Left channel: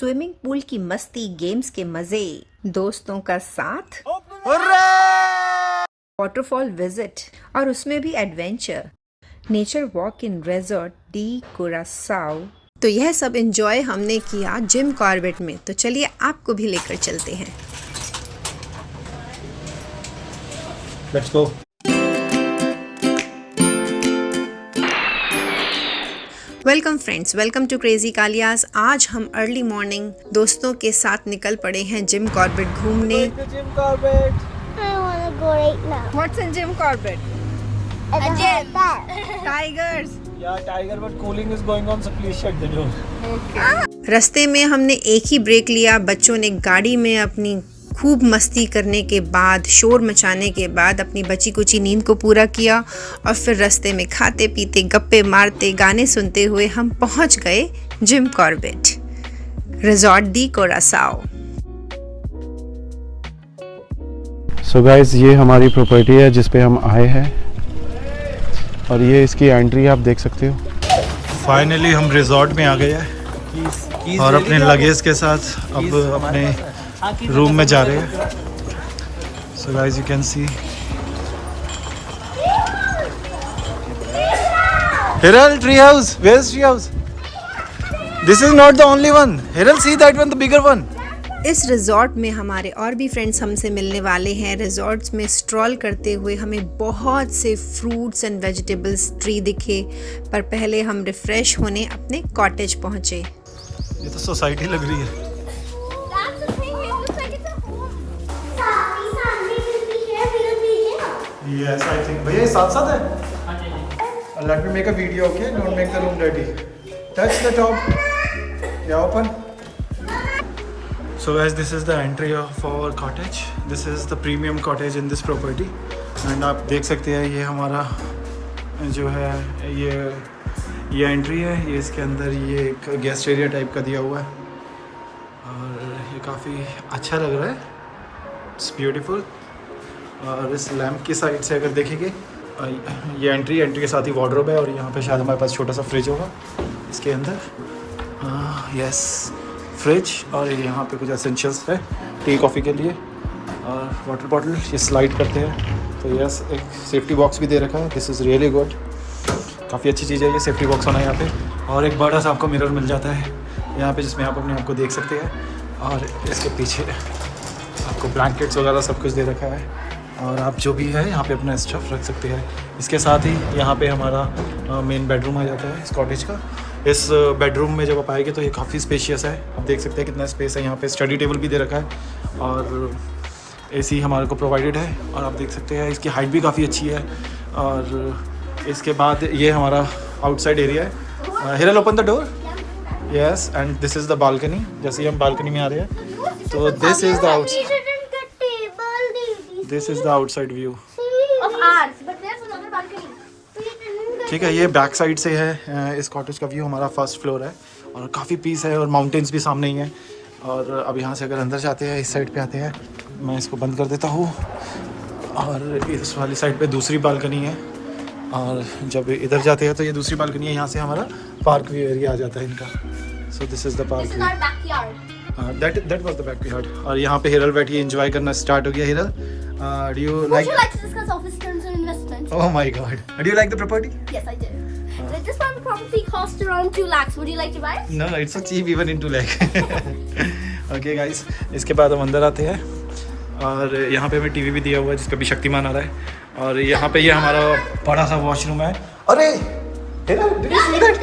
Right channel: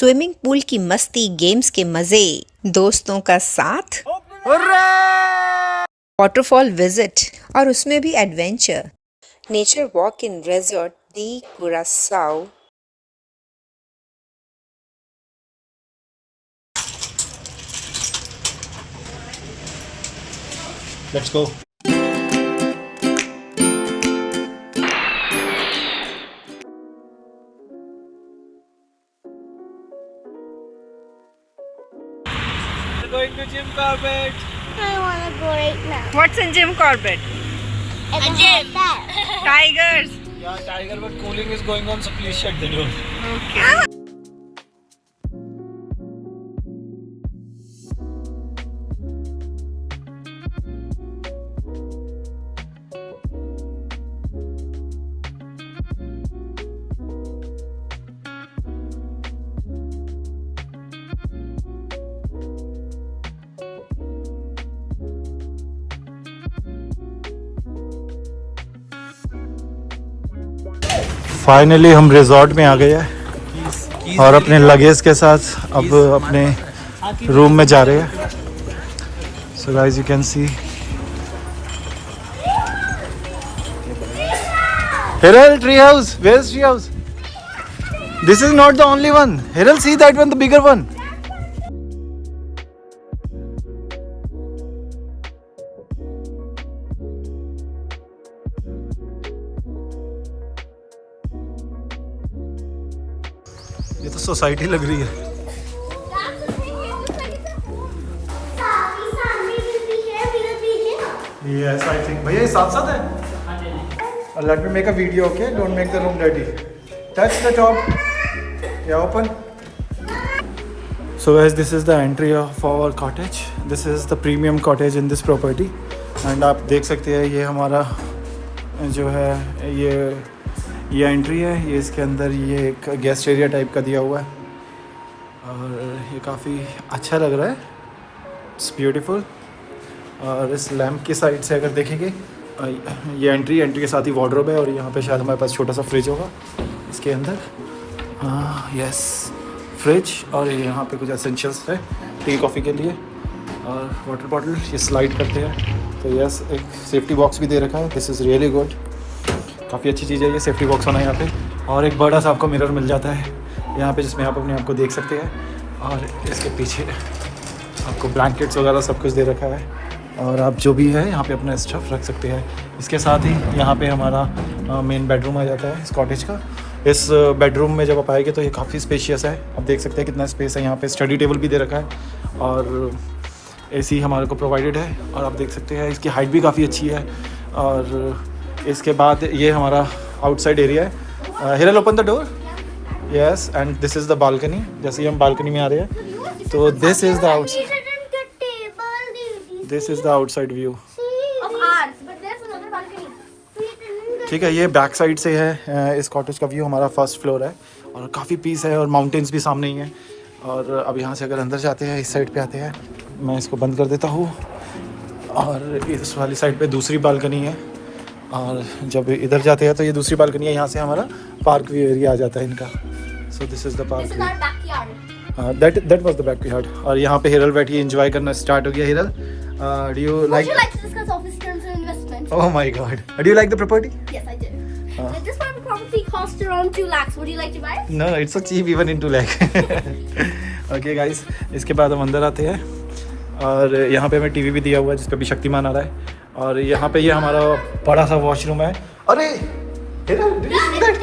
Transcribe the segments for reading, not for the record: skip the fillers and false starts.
Swimming pool की मस्ती, games के मजे, दोस्तों का साथ, वाटरफॉल विजिट और उसमें भी adventure, nature walk in resort de Curaçao. तो यह सब एंजॉय हमने किया जिम कॉर्बेट में। तो चलिए आपको भी लेकर चलते हैं। Let's go. Welcome friends, welcome to crazy Kalias. आज हम अर्ली मॉर्निंग दोस्तों के साथ निकल पड़े हैं जिम कॉर्बेट घूमने। Jim Corbett. I want to go right now. What's in Jim Corbett? A gym. Tigers. Yeah, tiger, but cooling is going on, so please shut the door. रास्ते में हमने एक ही ब्रेक लिया। बच्चों ने गाड़ी में अपनी खूब मस्ती करने के बाद, शोर मचाने के बाद अपनी बची कुची नींद को पूरा किया और फिर रास्ते में खाते पीते, गप्पे मारते, गाने सुनते हुए हम पहुंच गए जिम कॉर्बेट रिजॉर्ट दी कुरासाओ। सो गाइस, ये हमारी प्रॉपर्टी है जिस पे हम आए हैं और ये इसकी एंट्री आप देख सकते हो। फाइनली हम रिजॉर्ट में आ गए हैं और अपने लगेज के साथ अब अपने रूम में जा रहे हैं। So guys, you can see Hiral tree house. Where's tree house? This is not the only one. Hiral, see that one, the bigger one. इस रिजॉर्ट में हमारे और भी फ्रेंड्स हमसे मिलने वाले हैं। रिजॉर्ट्स में स्ट्रॉल करते हुए हमें बहुत से फ्रूट्स एंड वेजिटेबल्स ट्री दिखे, पर पहले हम रिफ्रेश होने अपने कॉटेज पहुंचे। ये तो सोसाइटी लग रही है। That's the thing. It looks like it's a home. Sunny will be here. We'll be here. Yes, I think. भैया ये साथ साथ है। Let me make a video, okay? Don't make the room dirty. Touch the top. Yeah, open. So guys, this is the entry of our cottage. This is the premium cottage in this property. And आप देख सकते हैं ये हमारा जो है ये entry है। ये इसके अंदर ये एक गेस्ट एरिया टाइप का दिया हुआ है और ये काफ़ी अच्छा लग रहा है। It's beautiful. और इस लैम्प की साइड से अगर देखेंगे, ये एंट्री के साथ ही वार्डरोब है और यहाँ पे शायद हमारे पास छोटा सा फ्रिज होगा इसके अंदर। Yes, fridge. और यहाँ पे कुछ एसेंशियल्स है टी कॉफ़ी के लिए और वाटर बॉटल। ये स्लाइड करते हैं तो यस, एक सेफ्टी बॉक्स भी दे रखा है। This is really good. काफ़ी अच्छी चीज़ है ये सेफ्टी बॉक्स होना यहाँ पे। और एक बड़ा सा आपको मिरर मिल जाता है यहाँ पे, जिसमें आप अपने आप को देख सकते हैं। और इसके पीछे आपको ब्लैंकेट्स वगैरह सब कुछ दे रखा है और आप जो भी है यहाँ पे अपना स्टफ रख सकते हैं। इसके साथ ही यहाँ पे हमारा मेन बेडरूम आ जाता है इस कॉटेज का। इस बेडरूम में जब आप आएंगे तो ये काफ़ी स्पेशियस है। आप देख सकते हैं कितना स्पेस है। यहाँ पे स्टडी टेबल भी दे रखा है और एसी हमारे को प्रोवाइडेड है। और आप देख सकते हैं इसकी हाइट भी काफ़ी अच्छी है। और इसके बाद ये हमारा आउटसाइड एरिया है। Hiral, open the door. Yes, and this is the balcony. जैसे ही हम बालकनी में आ रहे हैं तो this is the outside view. ठीक है, ये बैक साइड से है इस कॉटेज का व्यू। हमारा फर्स्ट फ्लोर है और काफ़ी पीस है और माउंटेन्स भी सामने ही हैं। और अब यहाँ से अगर अंदर जाते हैं, इस साइड पे आते हैं, मैं इसको बंद कर देता हूँ। और इस वाली साइड पे दूसरी बालकनी है और जब इधर जाते हैं तो ये दूसरी बालकनी है। यहाँ से हमारा पार्क व्यू एरिया आ जाता है इनका। So this is the park view. That was the backyard. और यहाँ पे हिरल बैठी एंजॉय करना स्टार्ट हो गया। Hiral, do you like? Would you like to discuss office terms and investment? Oh my God! Do you like the property? Yes, I do. This one property costs around 2 lakhs. Would you like to buy it? No, it's so cheap even in 2 lakh. Okay guys, इसके बाद हम अंदर आते हैं और यहाँ पे हमें टीवी भी दिया हुआ है जिस पे भी शक्तिमान आ रहा है। और यहाँ पे ये हमारा बड़ा सा वॉशरूम है। अरे Hiral, did you see that?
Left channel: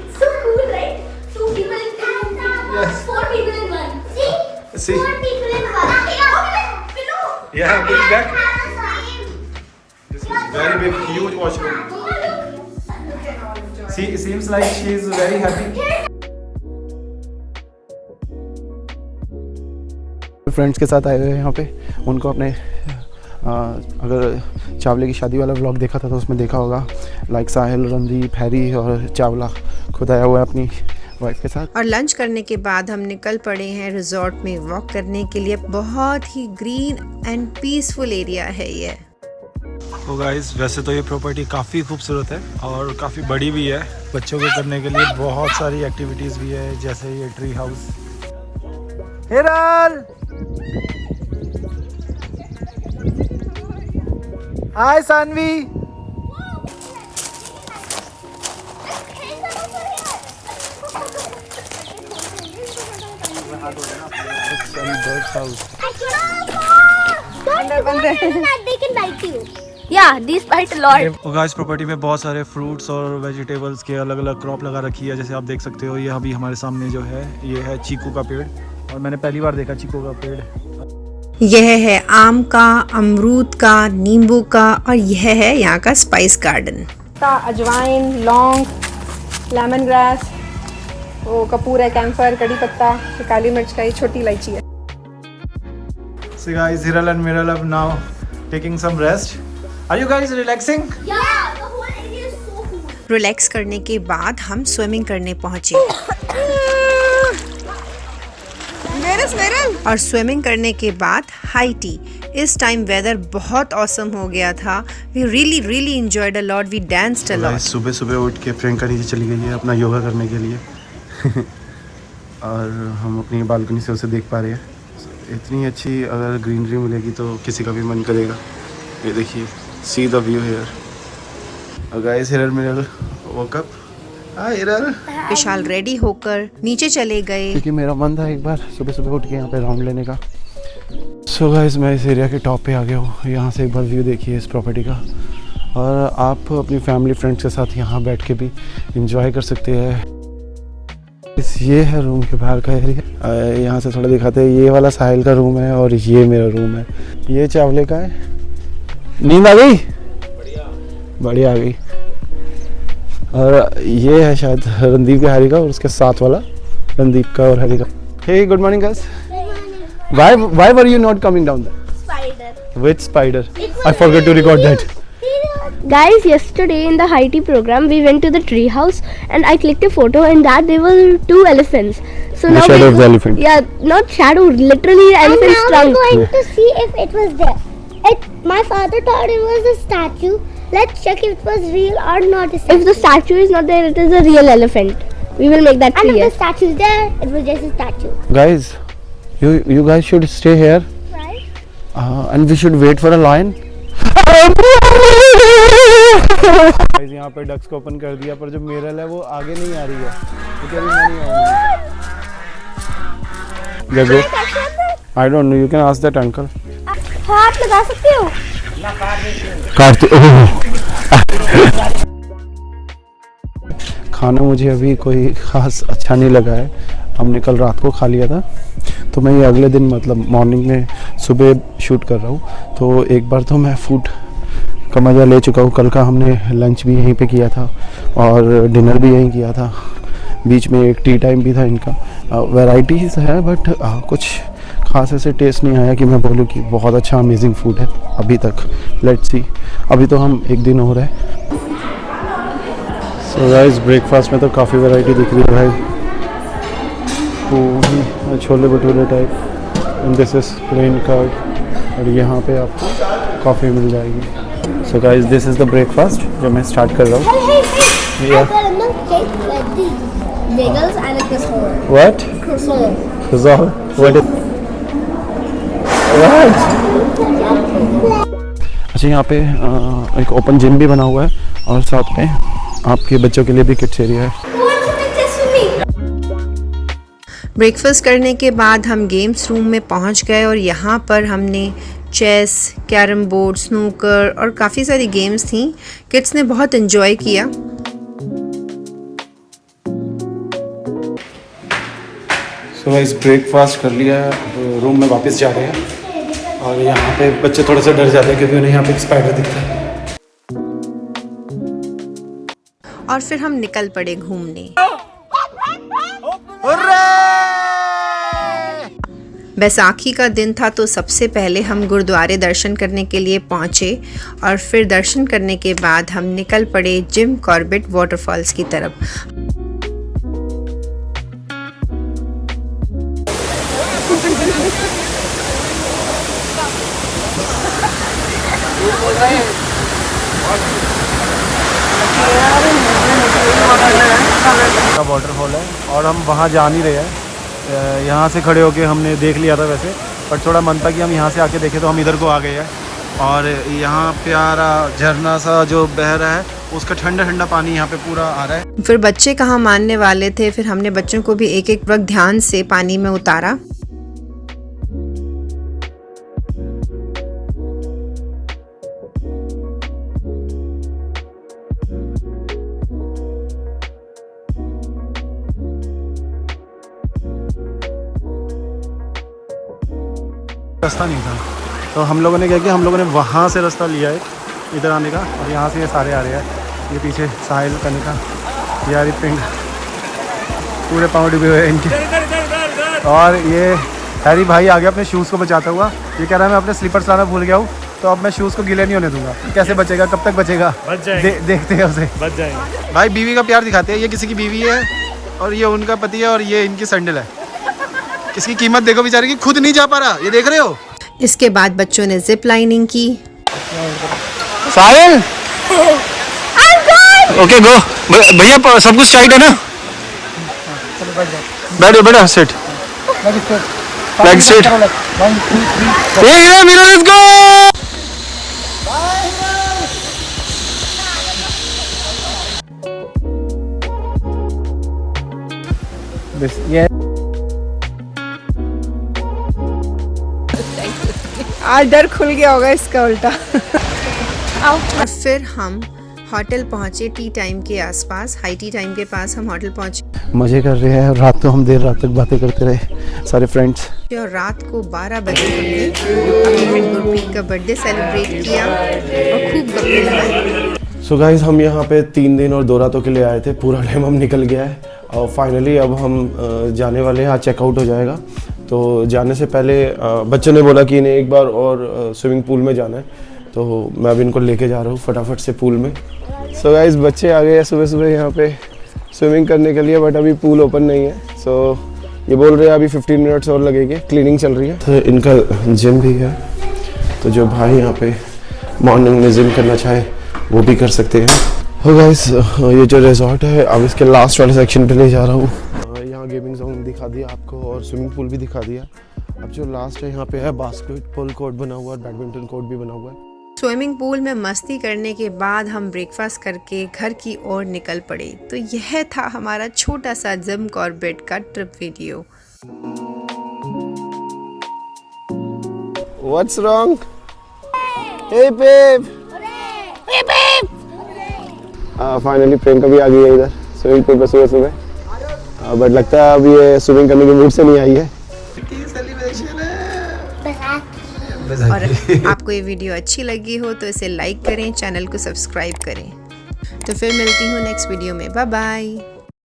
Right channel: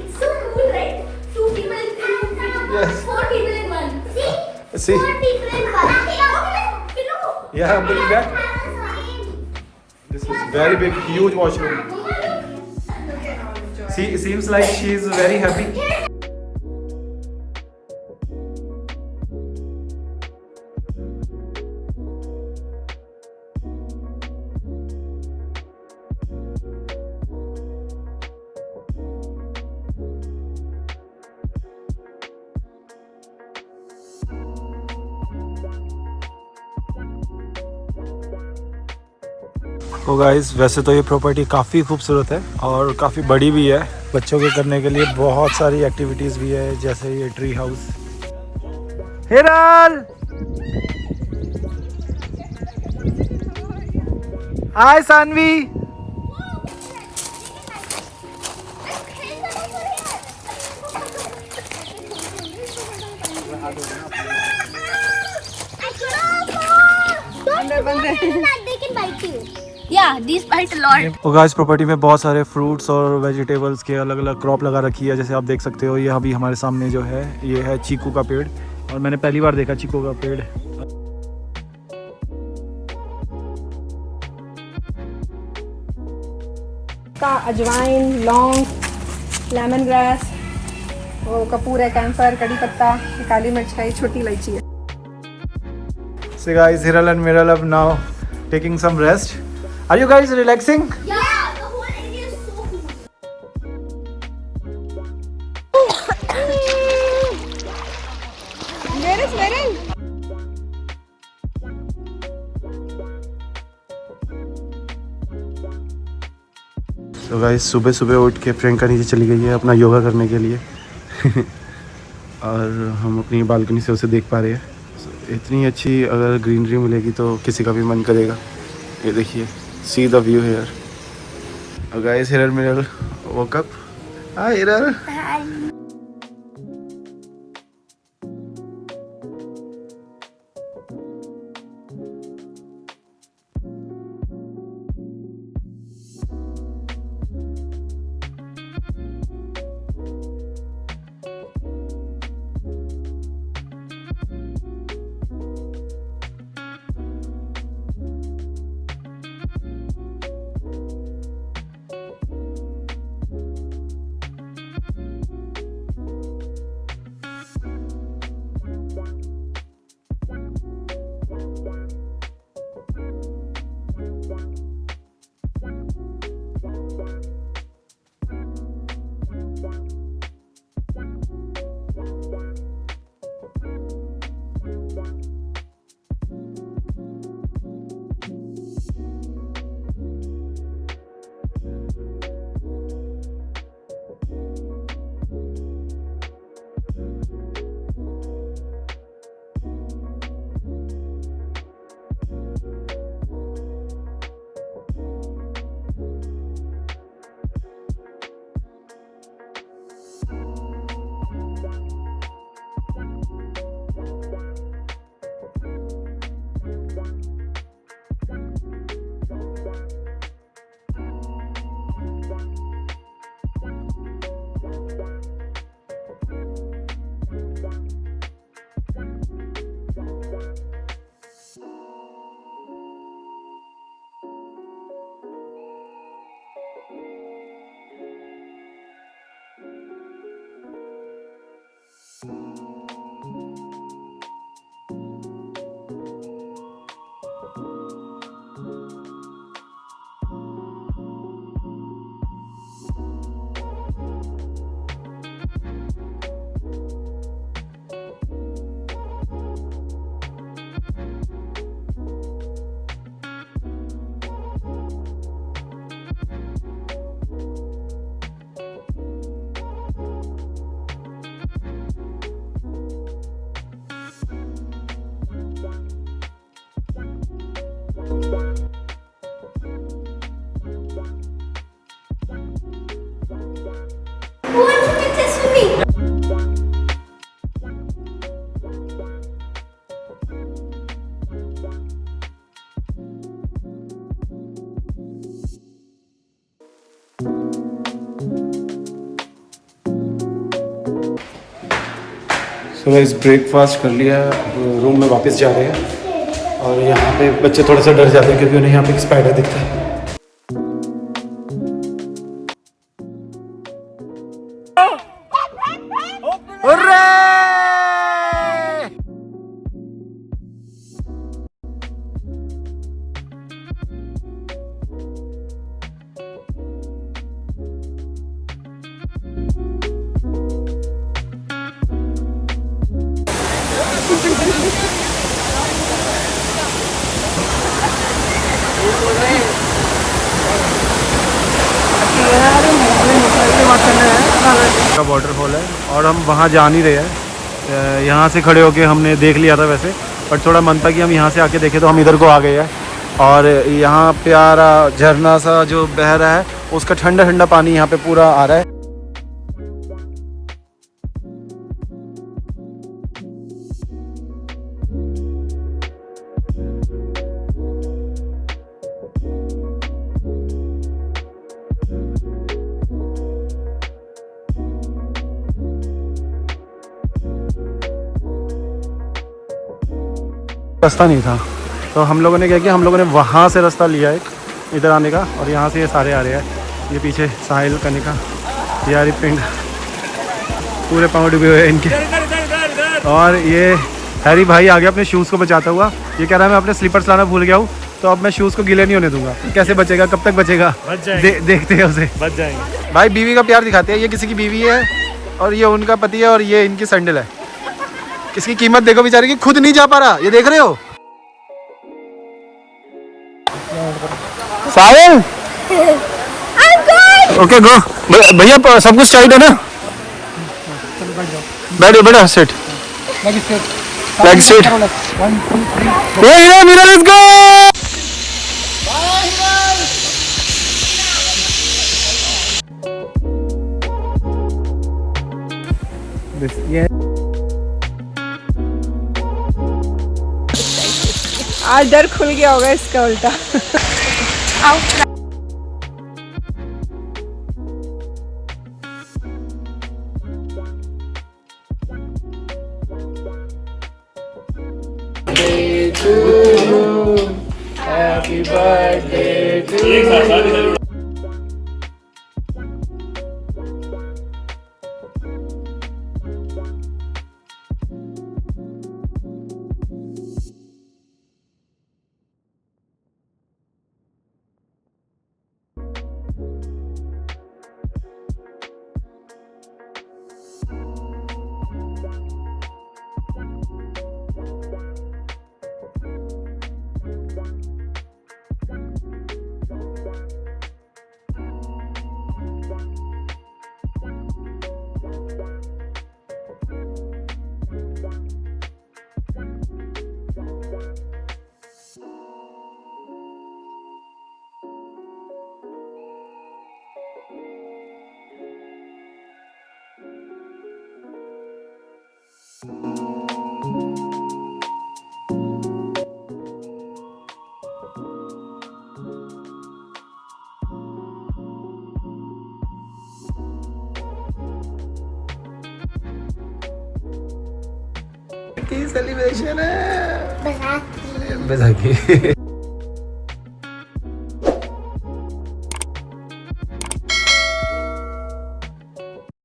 It's so cool, right? 2 people in one. Yes. 4 people in one. See? See? 4 people in one. Yeah, bring it back. This is very big, huge washroom. See, it seems like she is very happy. Friends के साथ आए हुए हैं यहाँ पे। उनको अपने अगर चावले की शादी वाला व्लॉग देखा था तो उसमें देखा होगा, लाइक साहिल, रणदीप, हैरी और चावला खुद आया हुआ है अपनी वाइफ के साथ। और लंच करने के बाद हम निकल पड़े हैं रिजॉर्ट में वॉक करने के लिए। बहुत ही ग्रीन एंड पीसफुल एरिया है ये। तो गाइस, वैसे तो ये प्रॉपर्टी काफ़ी खूबसूरत है और काफ़ी बड़ी भी है। बच्चों के करने के लिए बहुत सारी एक्टिविटीज़ भी है, जैसे ये tree house. Hiral, hi Saanvi. They can bite you. Yeah, these bite a lot. तो गाइस प्रॉपर्टी में बहुत सारे फ्रूट्स और वेजिटेबल्स के अलग अलग क्रॉप लगा रखी है। जैसे आप देख सकते हो, ये अभी हमारे सामने जो है ये है चीकू का पेड़, और मैंने पहली बार देखा चीकू का पेड़। यह है आम का, अमरूद का, नींबू का, और यह है यहाँ का स्पाइस गार्डन का अजवाइन, लौंग, लेमन ग्रास, वो कपूर है, कैम्फर, कड़ी पत्ता, काली मिर्च का, ये छोटी इलायची है। So guys, Hiral and Miral are now taking some rest. Are you guys relaxing? Yeah, the whole area is so cool. Relax करने के बाद हम स्विमिंग करने पहुंचे और स्विमिंग करने के बाद हाई टी। इस टाइम वेदर बहुत ऑसम हो गया था। We really enjoyed a lot. We danced a lot. Guys सुबह सुबह उठ के प्रियंका नीचे चली गई है अपना योगा करने के लिए और हम अपनी बालकनी से उसे देख पा रहे हैं। इतनी अच्छी अगर ग्रीनरी मिलेगी तो किसी का भी मन करेगा। ये देखिए, see the view here. Guys Hiral Miral woke up. Hi Hiral. Vishal ready होकर नीचे चले गए क्योंकि मेरा मन था एक बार सुबह सुबह उठ के यहाँ पे राउंड लेने का। सो गाइस मैं इस एरिया के टॉप पे आ गया हूँ। यहाँ से एक बार व्यू देखिए इस प्रॉपर्टी का, और आप अपनी फैमिली फ्रेंड्स के साथ यहाँ बैठ के भी इंजॉय कर सकते हैं। ये है रूम के बाहर का एरिया। यहाँ से थोड़ा दिखाते हैं। ये वाला साहिल का रूम है और ये मेरा रूम है। ये चावले का है। नींद आ गई? बढ़िया आ गई। और ये है शायद रणदीप के हरी का, और उसके साथ वाला रणदीप का और हरी का। Hey good morning guys. Why were you not coming down there? Spider. Which spider? I forgot to record that. Guys, yesterday in the high tea program, we went to the tree house and I clicked a photo and that there were 2 elephants. So The now shadow of the elephant. Yeah, not shadow, literally elephant's trunk. I'm going to see if it was there. My father thought it was a statue. Let's check if it was real or not. If the statue is not there, it is a real elephant. We will make that And if clear. the statue is there, it was just a statue. Guys, you guys should stay here. Right? And we should wait for a lion. यहाँ पे ducks को open कर दिया, पर जो मिरल है वो आगे नहीं आ रही है। I don't know. You can ask that uncle. हाथ लगा सकते हो? खाना मुझे अभी कोई खास अच्छा नहीं लगा है। हमने कल रात को खा लिया था, तो मैं ये अगले दिन मतलब मॉर्निंग में सुबह शूट कर रहा हूँ। तो एक बार तो मैं फूड का मज़ा ले चुका हूँ। कल का हमने लंच भी यहीं पे किया था और डिनर भी यहीं किया था। बीच में एक टी टाइम भी था इनका। वैराइटीज़ है बट कुछ खास ऐसे टेस्ट नहीं आया कि मैं बोलूँ कि बहुत अच्छा अमेजिंग फूड है अभी तक। लेट्स सी, अभी तो हम एक दिन हो रहा है। सो गाइस ब्रेकफास्ट में तो काफ़ी वैरायटी दिख रही है भाई। Puri chole bhature type, and this is plain curd, और यहाँ पे आपको कॉफ़ी मिल जाएगी। So guys this is the breakfast जो मैं स्टार्ट कर रहा हूँ। I got a milkshake with these bagels and a croissant. What? Croissant. What is what? अच्छा, यहाँ पे एक ओपन जिम भी बना हुआ है और साथ में आपके बच्चों के लिए भी किड्स एरिया है। ब्रेकफास्ट करने के बाद हम गेम्स रूम में पहुंच गए और यहाँ पर हमने चेस, कैरम बोर्ड, स्नूकर और काफ़ी सारी गेम्स थी। किड्स ने बहुत एंजॉय किया। तो गाइस ब्रेकफास्ट कर लिया, अब रूम में वापस जा रहे हैं। और यहाँ पे बच्चे थोड़ा सा डर जाते हैं क्योंकि उन्हें यहाँ पे एक स्पाइडर दिखता है। और फिर हम निकल पड़े घूमने। बैसाखी का दिन था तो सबसे पहले हम गुरुद्वारे दर्शन करने के लिए पहुंचे और फिर दर्शन करने के बाद हम निकल पड़े जिम कॉर्बेट वाटरफॉल्स की तरफ। का वाटरफॉल है और हम वहाँ जा नहीं रहे हैं। यहाँ से खड़े होके हमने देख लिया था वैसे, पर थोड़ा मन था कि हम यहाँ से आके देखें, तो हम इधर को आ गए हैं। और यहाँ प्यारा झरना सा जो बह रहा है, उसका ठंडा ठंडा पानी यहाँ पे पूरा आ रहा है। फिर बच्चे कहाँ मानने वाले थे, फिर हमने बच्चों को भी एक एक वक्त ध्यान से पानी में उतारा। रास्ता नहीं था, तो हम लोगों ने क्या किया, हम लोगों ने वहाँ से रास्ता लिया है इधर आने का, और यहाँ से ये सारे आ रहे हैं। ये पीछे साहिल कनिका, यारी पिंड, पूरे पाँव डूबे हुए हैं इनके। और ये हैरी भाई आ गया अपने शूज़ को बचाता हुआ। ये कह रहा है मैं अपने स्लीपर्स लाना भूल गया हूँ, तो अब मैं शूज़ को गीले नहीं होने दूंगा। कैसे बचेगा, कब तक बचेगा? बच जाएंगे। देखते हैं उसे। बच जाएंगे। भाई बीवी का प्यार दिखाते हैं। ये किसी की बीवी है और ये उनका पति है, और ये इनकी सैंडल है। इसकी कीमत देखो बेचारे की, खुद नहीं जा पा रहा, ये देख रहे हो। इसके बाद बच्चों ने जिप लाइनिंग की। साहिल ओके गो। भैया सब कुछ टाइट है ना? बैठो बेटा, सेट लेग स्ट्रेट। ये मीरा, लेट्स गो। आज डर खुल गया होगा इसका उल्टा। फिर हम होटल पहुंचे टी टाइम के आसपास, हाई टी टाइम के पास हम होटल पहुंचे मजे कर रहे हैं। रात को हम देर रात तक बातें करते रहे सारे फ्रेंड्स। और रात को 12 बजे गुरप्रीत का बर्थडे सेलिब्रेट किया। सो गाइस, हम यहाँ पे 3 दिन और 2 रातों के लिए आए थे। पूरा टाइम हम निकल गया है और फाइनली अब हम जाने वाले हैं। आज चेकआउट हो जाएगा, तो जाने से पहले बच्चों ने बोला कि इन्हें एक बार और स्विमिंग पूल में जाना है, तो मैं अब इनको लेके जा रहा हूँ फटाफट से पूल में। सो गाइस, बच्चे आ गए हैं सुबह सुबह यहाँ पे स्विमिंग करने के लिए, बट अभी पूल ओपन नहीं है। सो ये बोल रहे हैं अभी 15 मिनट्स और लगेंगे, क्लीनिंग चल रही है। तो इनका जिम भी है, तो जो भाई यहाँ पे मॉर्निंग में जिम करना चाहे वो भी कर सकते हैं। हो गाइस, ये जो रिजॉर्ट है, अब इसके लास्ट वाले सेक्शन पे ले जा रहा हूँ। यहाँ गेमिंग जोन दिखा दिया आपको और स्विमिंग पूल भी दिखा दिया। अब जो लास्ट है यहाँ पे है बास्केटबॉल कोर्ट बना हुआ है, बैडमिंटन कोर्ट भी बना हुआ है। स्विमिंग पूल में मस्ती करने के बाद हम ब्रेकफास्ट करके घर की ओर निकल पड़े। तो यह था हमारा छोटा सा जिम कॉर्बेट का trip video. What's wrong? Hey babe. Hey babe. Finally Priyanka भी आ गई है इधर स्विमिंग पूल पर सुबह सुबह, बट लगता है अभी ये स्विमिंग करने के मूड से नहीं आई है। सेलिब्रेशन है। और आपको ये वीडियो अच्छी लगी हो तो इसे लाइक करें, चैनल को सब्सक्राइब करें। तो फिर मिलती हूँ नेक्स्ट वीडियो में। Bye bye.